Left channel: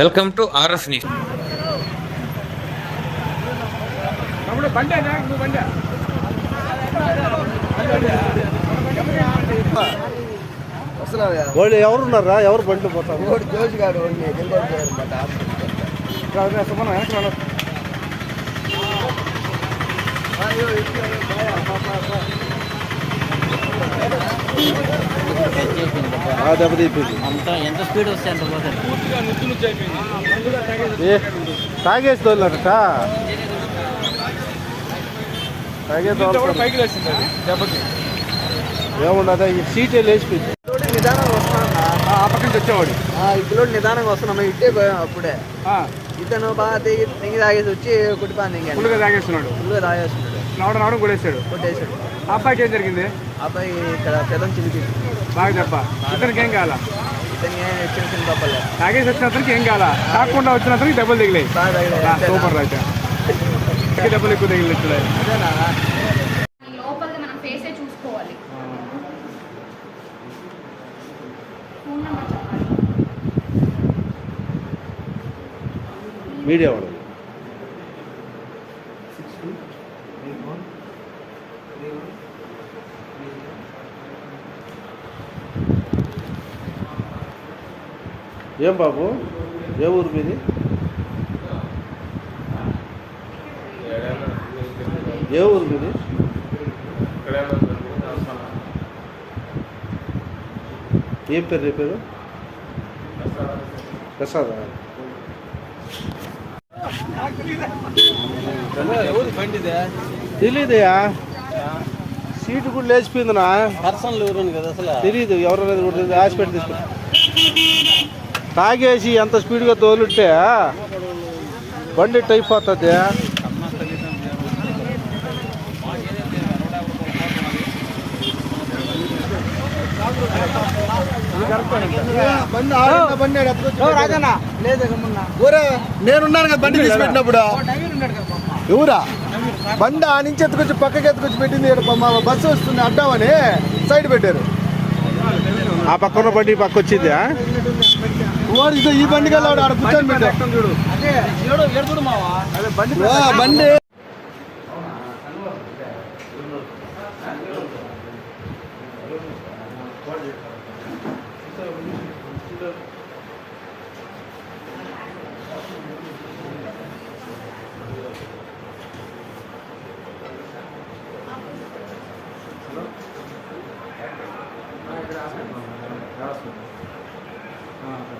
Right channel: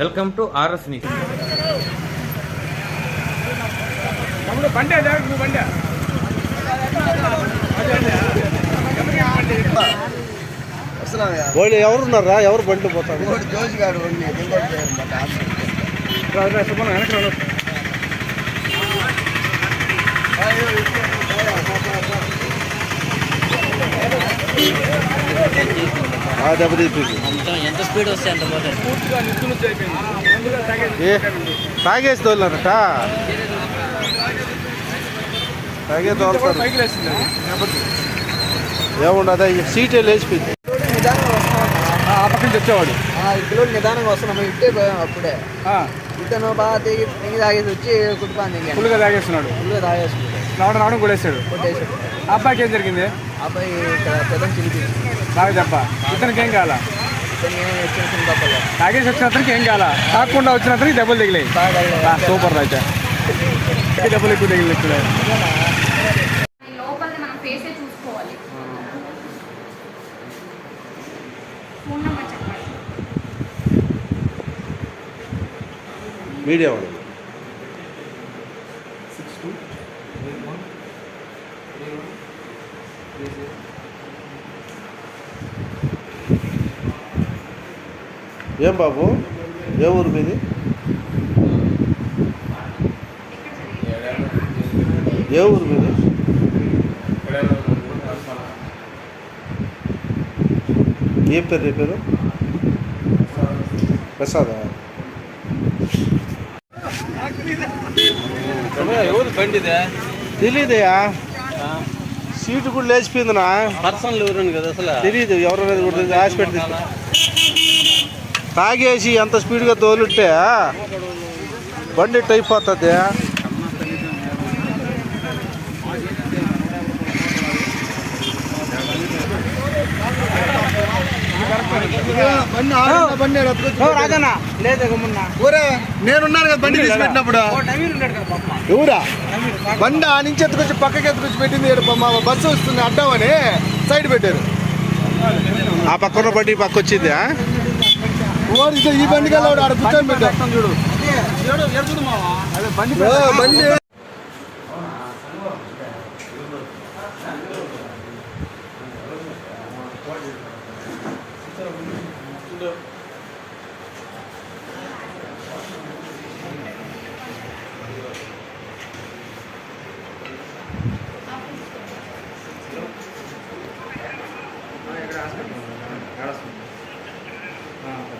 Welcome to RS news. తమ్ముడు బండి అదా నువ్వు బండి. వాళ్ళు ఎవరున్నారా? ఎవరు బండ్లు పోతారు? జోజిగాడు ఉంది దెబ్బతీపింది. ఎంత స్పీడ్ ఏ తాగేసి తోలినారట? తాగే తోలుతారు. ఏముండదు సీట్ లేచిపోయింది. నిదానంగా వస్తున్నా వచ్చేవాడు నిదానంగా వస్తున్నాం. ఇట్టే పోయాం అప్పుడే. ఇతను బాగా దిగి తాగేసి వచ్చి కుట్టుకాని దిగాను ఫుల్గా తాగేస్తున్నాడు. ఫుల్గా తాగేస్తుంది రావడం రావడం కొడేసాడు కొట్టేసి ఆ అబ్బాయికి ఏం జరిగింది? అబ్బాయి ఇక్కడ పెదం చిలిపి నాకు దెబ్బ ఇతనికి ఏం దెబ్బలు తాగేసి వచ్చిన అతనికి ఏం కాల తాగకుండా వచ్చిన అతనికి దెబ్బలు తగిలాయి. సూపర్ అయితే దెబ్బలు ఎక్కువ తగిలి ఇక్కడ అదేనా? లోపలిది ఏం బాబు? ఏ ఊరు మీది? ఏ ఊరు మీది? ఏ పేరు నీ పేరు? ప్రసాదా? తెలీదయా? సీటు కూడా పర్సనల్ కదా అసలు. తెలీదు ఎవరనేది కూడా తెలియదు హాస్పిటల్ తీసుకు తాగేసి ఎంత స్పీడ్గా తోలుంటే బండి టైప్ అవుతుంది. నేనున్నాను కదా బండి తీసి పెట్టినప్పుడు. ఎవరా? బండి ఆ నుంచి ఎత్తుకొచ్చి పక్కకి ఎత్తుకొచ్చి పెట్టింది మా బస్సు వస్తుంది అడ్డామని సైడ్ పెట్టారు. ఆ పక్కన బండి ఈ పక్క వచ్చింది ఇదో ఈ బండి కల్లా ఆడ కూర్చొని 근데 알았습니다. 아, 네.